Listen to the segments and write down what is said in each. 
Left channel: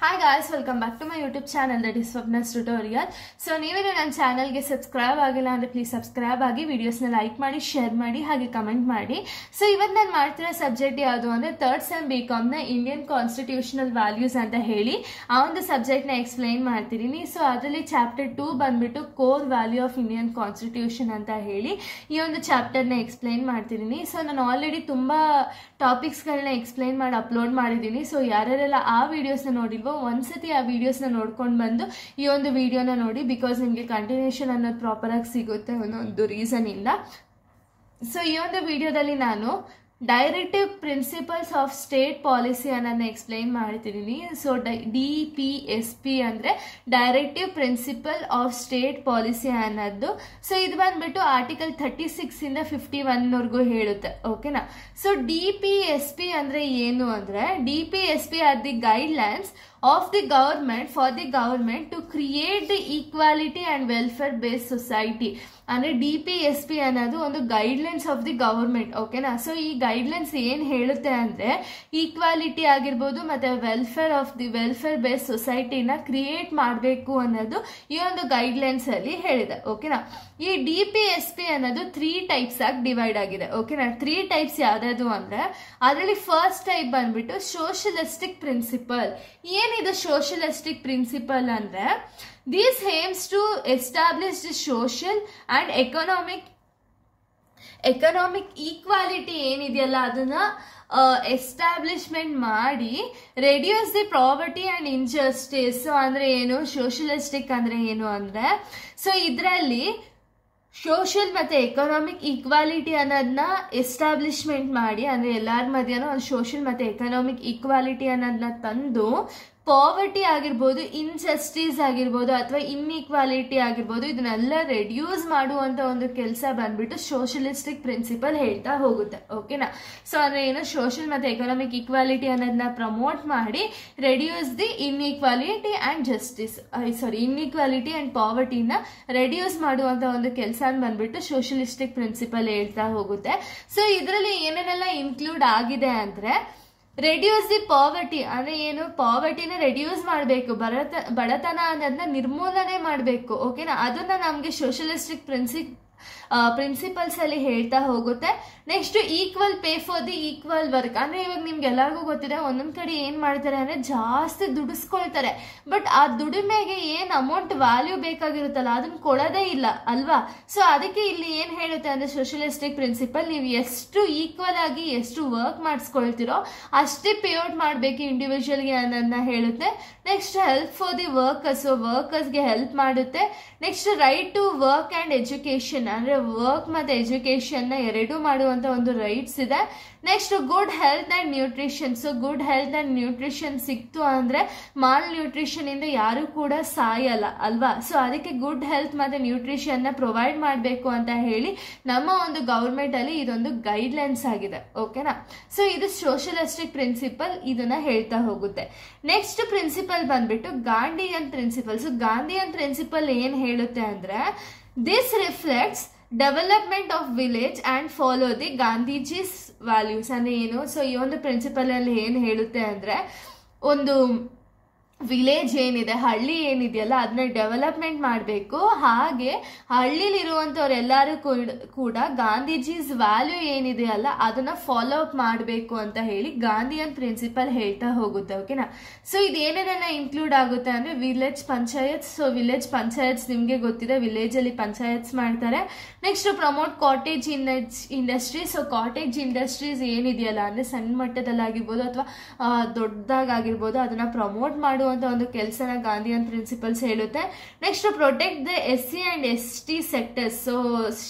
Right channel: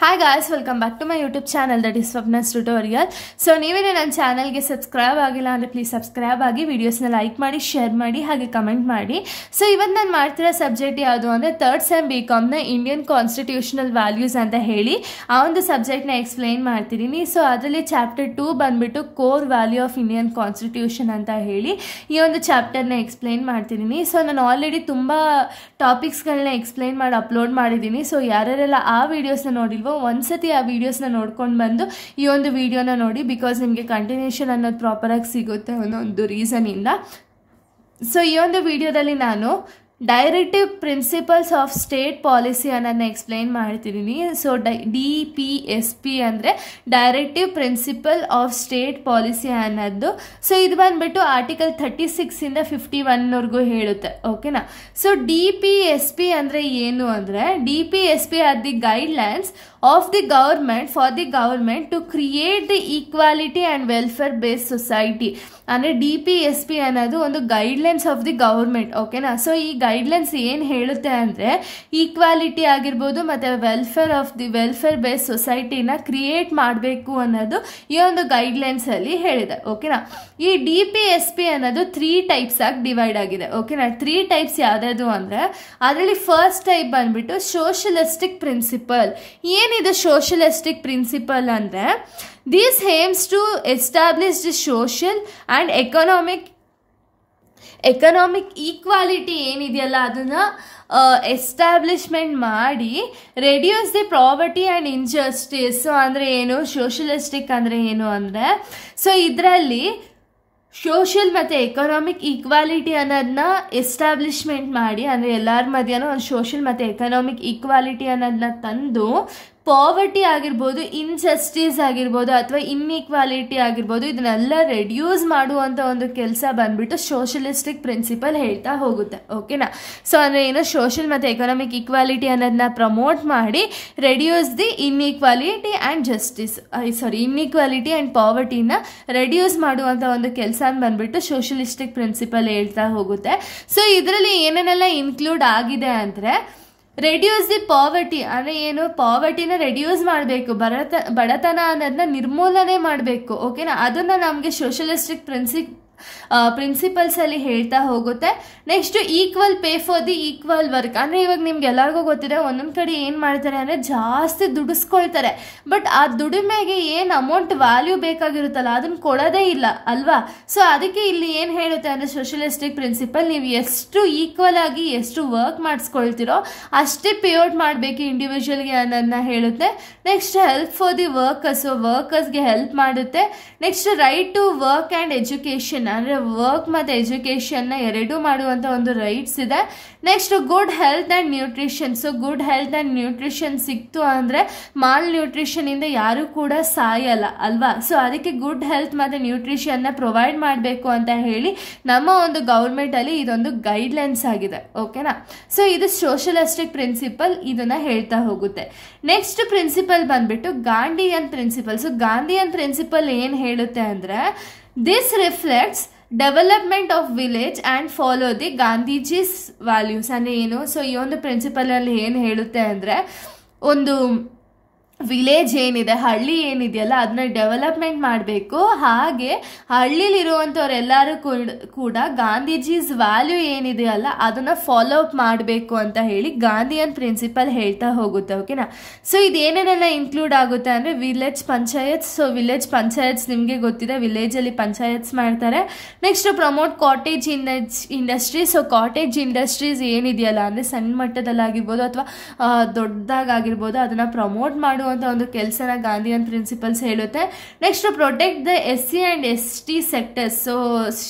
Hi guys, welcome back to my YouTube channel that is Swapna's Tutorial. So ನೀವೇನೇ ನನ್ನ ಚಾನಲ್ಗೆ subscribe ಆಗಿಲ್ಲ ಅಂದರೆ ಪ್ಲೀಸ್ ಸಬ್ಸ್ಕ್ರೈಬ್ ಆಗಿ ವಿಡಿಯೋಸ್ನ ಲೈಕ್ ಮಾಡಿ ಶೇರ್ ಮಾಡಿ ಹಾಗೆ ಕಮೆಂಟ್ ಮಾಡಿ. ಸೊ ಇವತ್ತು ನಾನು ಮಾಡ್ತಿರೋ ಸಬ್ಜೆಕ್ಟ್ ಯಾವುದು ಅಂದರೆ ಥರ್ಡ್ ಸೆಮ್ BComನ ಇಂಡಿಯನ್ ಕಾನ್ಸ್ಟಿಟ್ಯೂಷನಲ್ ವ್ಯಾಲ್ಯೂಸ್ ಅಂತ ಹೇಳಿ ಆ ಒಂದು ಸಬ್ಜೆಕ್ಟ್ನ ಎಕ್ಸ್ಪ್ಲೈನ್ ಮಾಡ್ತಿದ್ದೀನಿ. ಸೊ ಅದರಲ್ಲಿ ಚಾಪ್ಟರ್ 2 ಬಂದ್ಬಿಟ್ಟು core value of Indian constitution ಅಂತ ಹೇಳಿ ಈ ಒಂದು ಚಾಪ್ಟರ್ನ ಎಕ್ಸ್ಪ್ಲೈನ್ ಮಾಡ್ತಿದ್ದೀನಿ. ಸೊ ನಾನು ಆಲ್ರೆಡಿ ತುಂಬ ಟಾಪಿಕ್ಸ್ಗಳನ್ನ ಎಕ್ಸ್ಪ್ಲೈನ್ ಮಾಡಿ ಅಪ್ಲೋಡ್ ಮಾಡಿದ್ದೀನಿ. ಸೊ ಯಾರ್ಯಾರೆಲ್ಲ ಆ ವಿಡಿಯೋಸ್ನ ನೋಡಿಲ್ವೋ ಒಂದ್ಸತಿ ಆ ವಿಡಿಯೋಸ್ನ ನೋಡ್ಕೊಂಡು ಬಂದು ಈ ಒಂದು ವಿಡಿಯೋನ ನೋಡಿ, ಬಿಕಾಸ್ ನಿಮಗೆ ಕಂಟಿನ್ಯೂಷನ್ ಅನ್ನೋದು ಪ್ರಾಪರಾಗಿ ಸಿಗುತ್ತೆ ಅನ್ನೋ ರೀಸನಿಂದ. ಸೊ ಈ ಒಂದು ವಿಡಿಯೋದಲ್ಲಿ ನಾನು directive principles of state policy ಅನ್ನೋದನ್ನ ಎಕ್ಸ್ಪ್ಲೈನ್ ಮಾಡ್ತಿದ್ದೀನಿ. ಸೊ DPSP ಅಂದರೆ directive principle of state policy ಅನ್ನೋದು. ಸೊ ಇದು ಬಂದ್ಬಿಟ್ಟು ಆರ್ಟಿಕಲ್ 36 51ವರೆಗೂ ಹೇಳುತ್ತೆ. ಓಕೆನಾ. ಸೊ DPSP ಅಂದರೆ ಏನು ಅಂದರೆ DPSP are the guidelines of the government for the government to create the equality and welfare based society. ಅಂದರೆ DPSP ಅನ್ನೋದು ಒಂದು ಗೈಡ್ಲೈನ್ಸ್ ಆಫ್ ದಿ ಗವರ್ಮೆಂಟ್. ಓಕೆನಾ. ಸೊ ಈ ಗೈಡ್ಲೈನ್ಸ್ ಏನು ಹೇಳುತ್ತೆ ಅಂದರೆ ಈಕ್ವಾಲಿಟಿ ಆಗಿರ್ಬೋದು ಮತ್ತು ವೆಲ್ಫೇರ್ ಬೇಸ್ಡ್ ಸೊಸೈಟಿನ ಕ್ರಿಯೇಟ್ ಮಾಡಬೇಕು ಅನ್ನೋದು ಈ ಒಂದು ಗೈಡ್ಲೈನ್ಸಲ್ಲಿ ಹೇಳಿದೆ. ಓಕೆನಾ. ಈ DPSP ಅನ್ನೋದು 3 ಟೈಪ್ಸ್ ಆಗಿ ಡಿವೈಡ್ ಆಗಿದೆ. ಓಕೆನಾ. 3 ಟೈಪ್ಸ್ ಯಾವ್ದು ಅಂದರೆ ಅದರಲ್ಲಿ ಫಸ್ಟ್ ಟೈಪ್ ಬಂದ್ಬಿಟ್ಟು ಸೋಷಲಿಸ್ಟಿಕ್ ಪ್ರಿನ್ಸಿಪಲ್. ಏನಿದೆ ಸೋಷಲಿಸ್ಟಿಕ್ ಪ್ರಿನ್ಸಿಪಲ್ ಅಂದರೆ this aims to establish the social and economic equality ಏನಿದೆಯಲ್ಲ ಅದನ್ನು ಎಸ್ಟಾಬ್ಲಿಷ್ಮೆಂಟ್ ಮಾಡಿ reduce the poverty and injustice. ಅಂದರೆ ಏನು ಸೋಷಲಿಸ್ಟಿಕ್ ಅಂದರೆ ಏನು ಅಂದರೆ ಸೊ ಇದರಲ್ಲಿ ಸೋಷಿಯಲ್ ಮತ್ತು ಎಕನಾಮಿಕ್ ಈಕ್ವಾಲಿಟಿ ಅನ್ನೋದನ್ನ ಎಸ್ಟಾಬ್ಲಿಷ್ಮೆಂಟ್ ಮಾಡಿ, ಅಂದರೆ ಎಲ್ಲರ ಮಧ್ಯನೂ ಒಂದು ಸೋಷಿಯಲ್ ಮತ್ತು ಎಕನಾಮಿಕ್ ಈಕ್ವಾಲಿಟಿ ಅನ್ನೋದನ್ನ ತಂದು ಪಾವರ್ಟಿ ಆಗಿರ್ಬೋದು, ಇನ್ಜಸ್ಟಿಸ್ ಆಗಿರ್ಬೋದು ಅಥವಾ ಇನ್ಇಕ್ವಾಲಿಟಿ ಆಗಿರ್ಬೋದು ಇದನ್ನೆಲ್ಲ ರೆಡ್ಯೂಸ್ ಮಾಡುವಂಥ ಒಂದು ಕೆಲಸ ಬಂದ್ಬಿಟ್ಟು ಸೋಷಲಿಸ್ಟಿಕ್ ಪ್ರಿನ್ಸಿಪಲ್ ಹೇಳ್ತಾ ಹೋಗುತ್ತೆ. ಓಕೆನಾ. ಸೊ ಅಂದರೆ ಏನು ಸೋಷಿಯಲ್ ಮತ್ತು ಎಕನಾಮಿಕ್ ಈಕ್ವಾಲಿಟಿ ಅನ್ನೋದನ್ನ ಪ್ರಮೋಟ್ ಮಾಡಿ ರೆಡ್ಯೂಸ್ ದಿ ಇನ್ಇಕ್ವಾಲಿಟಿ ಆ್ಯಂಡ್ ಪಾವರ್ಟಿನ ರೆಡ್ಯೂಸ್ ಮಾಡುವಂಥ ಒಂದು ಕೆಲಸ ಬಂದ್ಬಿಟ್ಟು ಸೋಷಲಿಸ್ಟಿಕ್ ಪ್ರಿನ್ಸಿಪಲ್ ಹೇಳ್ತಾ ಹೋಗುತ್ತೆ. ಸೊ ಇದರಲ್ಲಿ ಏನೇನೆಲ್ಲ ಇನ್ಕ್ಲೂಡ್ ಆಗಿದೆ ಅಂದರೆ ರೆಡ್ಯೂಸ್ ದಿ ಪಾವರ್ಟಿ ಅಂದರೆ ಏನು, ಪಾವರ್ಟಿನ ರೆಡ್ಯೂಸ್ ಮಾಡಬೇಕು, ಬಡತನ ಅನ್ನೋದನ್ನ ನಿರ್ಮೂಲನೆ ಮಾಡಬೇಕು. ಓಕೆನಾ. ಅದನ್ನು ನಮಗೆ ಸೋಷಲಿಸ್ಟಿಕ್ ಪ್ರಿನ್ಸಿಪಲ್ಸ್ ಅಲ್ಲಿ ಹೇಳ್ತಾ ಹೋಗುತ್ತೆ. Next equal pay for the equal work. ಅಂದರೆ ಇವಾಗ ನಿಮ್ಗೆ ಎಲ್ಲರಿಗೂ ಗೊತ್ತಿದೆ ಒಂದೊಂದು ಕಡೆ ಏನು ಮಾಡ್ತಾರೆ ಅಂದರೆ ಜಾಸ್ತಿ ದುಡಿಸ್ಕೊಳ್ತಾರೆ, ಬಟ್ ಆ ದುಡಿಮೆಗೆ ಏನು ಅಮೌಂಟ್ ವ್ಯಾಲ್ಯೂ ಬೇಕಾಗಿರುತ್ತಲ್ಲ ಅದನ್ನು ಕೊಡೋದೇ ಇಲ್ಲ ಅಲ್ವಾ. ಸೊ ಅದಕ್ಕೆ ಇಲ್ಲಿ ಏನು ಹೇಳುತ್ತೆ ಅಂದರೆ ಸೋಷಲಿಸ್ಟಿಕ್ ಪ್ರಿನ್ಸಿಪಲ್ ನೀವು ಎಷ್ಟು ಈಕ್ವಲ್ ಆಗಿ ಎಷ್ಟು ವರ್ಕ್ ಮಾಡಿಸ್ಕೊಳ್ತಿರೋ ಅಷ್ಟೇ ಪೇಔಟ್ ಮಾಡಬೇಕು ಇಂಡಿವಿಜುವಲ್ಗೆ ಅನ್ನೋದನ್ನ ಹೇಳುತ್ತೆ. ನೆಕ್ಸ್ಟ್ ಹೆಲ್ಪ್ ಫಾರ್ ದಿ ವರ್ಕರ್ಸ್ಗೆ ಹೆಲ್ಪ್ ಮಾಡುತ್ತೆ. Next right to work and education ಅಂದರೆ ವರ್ಕ್ ಮತ್ತು ಎಜುಕೇಷನ್ನ ಎರಡೂ ಮಾಡುವಂಥ ಒಂದು ರೈಟ್ಸ್ ಇದೆ. Next good health and nutrition. So good health and nutrition ಸಿಕ್ತು ಅಂದರೆ ಮಾಲ್ ನ್ಯೂಟ್ರಿಷನಿಂದ ಯಾರೂ ಕೂಡ ಸಾಯಲ್ಲ ಅಲ್ವಾ. ಸೊ ಅದಕ್ಕೆ ಗುಡ್ ಹೆಲ್ತ್ ಮತ್ತು ನ್ಯೂಟ್ರಿಷನ್ನ ಪ್ರೊವೈಡ್ ಮಾಡಬೇಕು ಅಂತ ಹೇಳಿ ನಮ್ಮ ಒಂದು ಗೌರ್ಮೆಂಟಲ್ಲಿ ಇದೊಂದು ಗೈಡ್ಲೈನ್ಸ್ ಆಗಿದೆ. ಓಕೆನಾ. ಸೊ ಇದು ಸೋಷಲಿಸ್ಟಿಕ್ ಪ್ರಿನ್ಸಿಪಲ್ ಇದನ್ನು ಹೇಳ್ತಾ ಹೋಗುತ್ತೆ. ನೆಕ್ಸ್ಟ್ ಪ್ರಿನ್ಸಿಪಲ್ ಬಂದ್ಬಿಟ್ಟು Gandhian principle. So Gandhian principle ಏನು ಹೇಳುತ್ತೆ ಅಂದರೆ this reflects development of village and follow the Gandhiji's values. ಅಂದರೆ ಏನು, ಸೊ ಈ ಒಂದು ಪ್ರಿನ್ಸಿಪಲಲ್ಲಿ ಏನು ಹೇಳುತ್ತೆ ಅಂದರೆ ಒಂದು ವಿಲೇಜ್ ಏನಿದೆ, ಹಳ್ಳಿ ಏನಿದೆಯಲ್ಲ ಅದನ್ನ ಡೆವಲಪ್ಮೆಂಟ್ ಮಾಡಬೇಕು, ಹಾಗೆ ಹಳ್ಳಿಲಿರುವಂಥವ್ರೆಲ್ಲರೂ ಕೂಡ ಗಾಂಧೀಜೀಸ್ ವ್ಯಾಲ್ಯೂ ಏನಿದೆಯಲ್ಲ ಅದನ್ನು ಫಾಲೋ ಅಪ್ ಮಾಡಬೇಕು ಅಂತ ಹೇಳಿ ಗಾಂಧಿಯನ್ ಪ್ರಿನ್ಸಿಪಲ್ ಹೇಳ್ತಾ ಹೋಗುತ್ತೆ. ಓಕೆನಾ. ಸೊ ಇದೇನೇನೆಲ್ಲ ಇನ್ಕ್ಲೂಡ್ ಆಗುತ್ತೆ ಅಂದರೆ village panchayats. So village panchayats ನಿಮಗೆ ಗೊತ್ತಿದೆ, ವಿಲೇಜಲ್ಲಿ ಪಂಚಾಯತ್ಸ್ ಮಾಡ್ತಾರೆ. Next promote cottage industry. So cottage industries ಏನಿದೆಯಲ್ಲ ಅಂದರೆ ಸಣ್ಣ ಮಟ್ಟದಲ್ಲಾಗಿರ್ಬೋದು ಅಥವಾ ದೊಡ್ಡದಾಗಿರ್ಬೋದು ಅದನ್ನು ಪ್ರಮೋಟ್ ಮಾಡುವಂಥ ಒಂದು ಕೆಲಸನ ಗಾಂಧಿಯನ್ ಪ್ರಿನ್ಸಿಪಲ್ಸ್ ಹೇಳುತ್ತೆ. Next protect the SC and ST sectors. So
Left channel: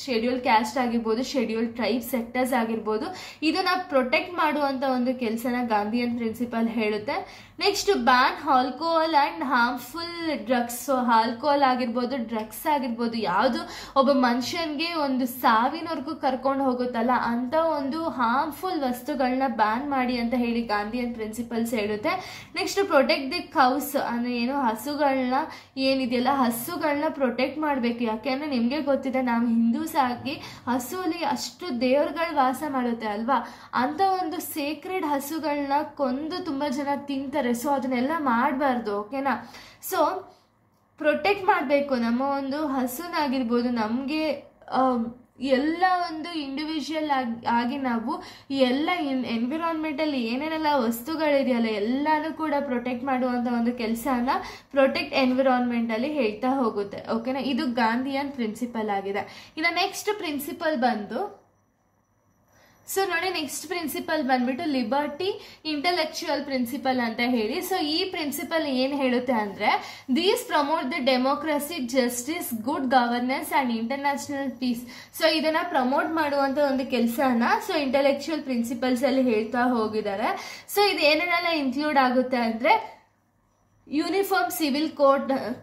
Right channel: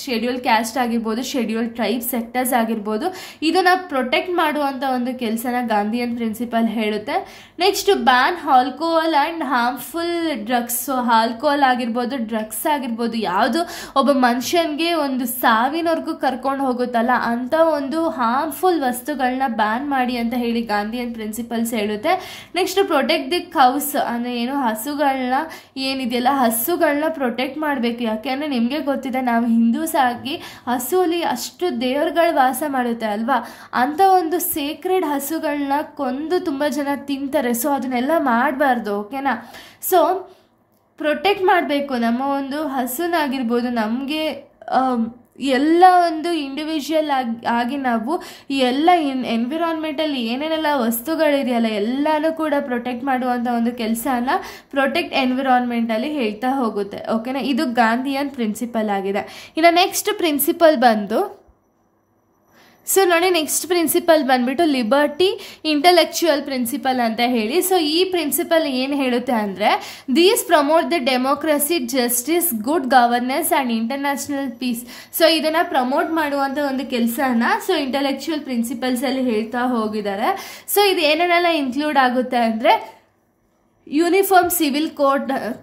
schedule caste ಆಗಿರ್ಬೋದು, ಶೆಡ್ಯೂಲ್ ಟ್ರೈಬ್ ಸೆಕ್ಟರ್ಸ್ ಆಗಿರ್ಬೋದು ಇದನ್ನು ಪ್ರೊಟೆಕ್ಟ್ ಮಾಡುವಂಥ ಒಂದು ಕೆಲಸನ ಗಾಂಧಿಯನ್ ಪ್ರಿನ್ಸಿಪಲ್ ಹೇಳುತ್ತೆ. Next ban alcohol and harmful drugs. So alcohol ಆಗಿರ್ಬೋದು, ಡ್ರಗ್ಸ್ ಆಗಿರ್ಬೋದು, ಯಾವುದು ಒಬ್ಬ ಮನುಷ್ಯನಿಗೆ ಒಂದು ಸಾವಿನವರೆಗೂ ಕರ್ಕೊಂಡು ಹೋಗುತ್ತಲ್ಲ ಅಂಥ ಒಂದು ಹಾರ್ಮ್ಫುಲ್ ವಸ್ತುಗಳನ್ನ ಬ್ಯಾನ್ ಮಾಡಿ ಅಂತ ಹೇಳಿ ಗಾಂಧಿಯನ್ ಪ್ರಿನ್ಸಿಪಲ್ಸ್ ಹೇಳುತ್ತೆ. ನೆಕ್ಸ್ಟ್ ಪ್ರೊಟೆಕ್ಟ್ ದಿ ಕೌಸ್ ಅಂದರೆ ಏನು, ಹಸುಗಳನ್ನ ಏನಿದೆಯಲ್ಲ ಹಸುಗಳನ್ನ ಪ್ರೊಟೆಕ್ಟ್ ಮಾಡಬೇಕು. ಯಾಕೆಂದರೆ ನಿಮಗೆ ಗೊತ್ತಿದೆ ನಾವು ಹಿಂದೂಸ್ ಆಗಿ ಹಸುವಲ್ಲಿ ಅಷ್ಟು ದೇವರುಗಳು ವಾಸ ಮಾಡುತ್ತೆ ಅಲ್ವಾ, ಅಂಥ ಒಂದು ಸೇಕ್ರೆಡ್ ಹಸುಗಳನ್ನ ಕೊಂದು ತುಂಬ ಜನ ತಿಂತಾರೆ. ಮಾಡ್ತಾರೆ. ಸೊ ಅದನ್ನೆಲ್ಲ ಮಾಡಬಾರ್ದು, ಓಕೆನಾ. ಸೊ ಪ್ರೊಟೆಕ್ಟ್ ಮಾಡಬೇಕು ನಮ್ಮ ಒಂದು ಹಸುನಾಗಿರ್ಬೋದು, ನಮಗೆ ಎಲ್ಲ ಒಂದು ಇಂಡಿವಿಜುವಲ್ ಆಗಿ ನಾವು ಈ ಎಲ್ಲ ಎನ್ವಿರಾನ್ಮೆಂಟಲ್ಲಿ ಏನೇನೆಲ್ಲ ವಸ್ತುಗಳಿದೆಯಲ್ಲ ಎಲ್ಲನೂ ಕೂಡ ಪ್ರೊಟೆಕ್ಟ್ ಮಾಡುವಂಥ ಒಂದು ಕೆಲಸನ ಪ್ರೊಟೆಕ್ಟ್ ಎನ್ವಿರಾನ್ಮೆಂಟಲ್ಲಿ ಹೇಳ್ತಾ ಹೋಗುತ್ತೆ, ಓಕೆನಾ. ಇದು ಗಾಂಧಿಯನ್ ಪ್ರಿನ್ಸಿಪಲ್ ಆಗಿದೆ. ಇನ್ನು ನೆಕ್ಸ್ಟ್ ಪ್ರಿನ್ಸಿಪಲ್ ಬಂದು ಸೊ ನೋಡಿ, ನೆಕ್ಸ್ಟ್ ಪ್ರಿನ್ಸಿಪಲ್ ಬಂದ್ಬಿಟ್ಟು ಲಿಬರ್ಟಿ ಇಂಟೆಲೆಕ್ಚುಯಲ್ ಪ್ರಿನ್ಸಿಪಲ್ ಅಂತ ಹೇಳಿ. ಸೊ ಈ ಪ್ರಿನ್ಸಿಪಲ್ ಏನು ಹೇಳುತ್ತೆ ಅಂದರೆ, these promote the democracy, justice, good governance and international piece. So ಇದನ್ನು ಪ್ರಮೋಟ್ ಮಾಡುವಂಥ ಒಂದು ಕೆಲಸನ ಸೊ ಇಂಟೆಲೆಕ್ಚುಯಲ್ ಪ್ರಿನ್ಸಿಪಲ್ಸಲ್ಲಿ ಹೇಳ್ತಾ ಹೋಗಿದ್ದಾರೆ. ಸೊ ಇದು ಏನೇನೆಲ್ಲ ಇನ್ಕ್ಲೂಡ್ ಆಗುತ್ತೆ ಅಂದರೆ, ಯೂನಿಫಾರ್ಮ್ ಸಿವಿಲ್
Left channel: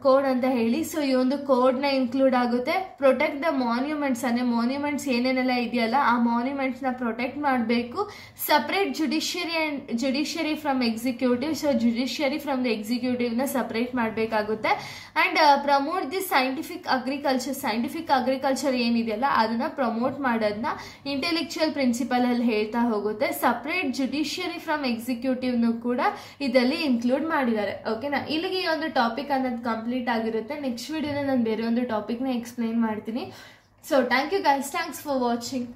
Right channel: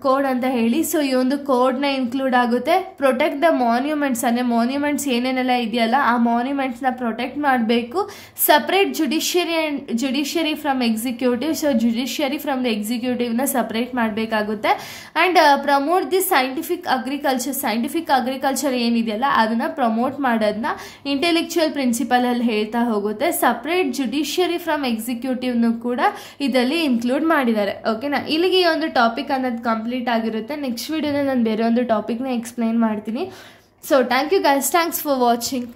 ಕೋಡ್ ಅಂತ ಹೇಳಿ. ಸೊ ಈ ಒಂದು ಕೋಡ್ನ ಇನ್ಕ್ಲೂಡ್ ಆಗುತ್ತೆ. ಪ್ರೊಟೆಕ್ಟ್ ದ ಮಾನ್ಯುಮೆಂಟ್ಸ್, ಅಂದರೆ ಮಾನ್ಯುಮೆಂಟ್ಸ್ ಏನೇನೆಲ್ಲ ಇದೆಯಲ್ಲ ಆ ಮಾನ್ಯುಮೆಂಟ್ಸ್ನ ಪ್ರೊಟೆಕ್ಟ್ ಮಾಡಬೇಕು. Separate judiciary from executive, so judiciary from the ಎಕ್ಸಿಕ್ಯೂಟಿವ್ನ ಸಪ್ರೇಟ್ ಮಾಡಬೇಕಾಗುತ್ತೆ. And promote the scientific agriculture ಏನಿದೆಯಲ್ಲ ಅದನ್ನು ಪ್ರಮೋಟ್ ಮಾಡೋದನ್ನ ಇಂಟೆಲೆಕ್ಚುಯಲ್ ಪ್ರಿನ್ಸಿಪಲಲ್ಲಿ ಹೇಳ್ತಾ ಹೋಗುತ್ತೆ. ಸಪ್ರೇಟ್ ಜುಡಿಷಿಯರಿ ಫ್ರಮ್ ಎಕ್ಸಿಕ್ಯೂಟಿವ್ನು ಕೂಡ ಇದರಲ್ಲಿ ಇನ್ಕ್ಲೂಡ್ ಮಾಡಿದ್ದಾರೆ, ಓಕೆ. ಇಲ್ಲಿಗೆ ಈ ಒಂದು ಟಾಪಿಕ್ ಅನ್ನೋದು ಕಂಪ್ಲೀಟ್ ಆಗಿರುತ್ತೆ. ನೆಕ್ಸ್ಟ್ ವಿಡಿಯೋದಲ್ಲಿ ನಾನು ಬೇರೆ ಒಂದು ಟಾಪಿಕ್ನ ಎಕ್ಸ್ಪ್ಲೈನ್ ಮಾಡ್ತೀನಿ. So thank you guys, thanks for watching.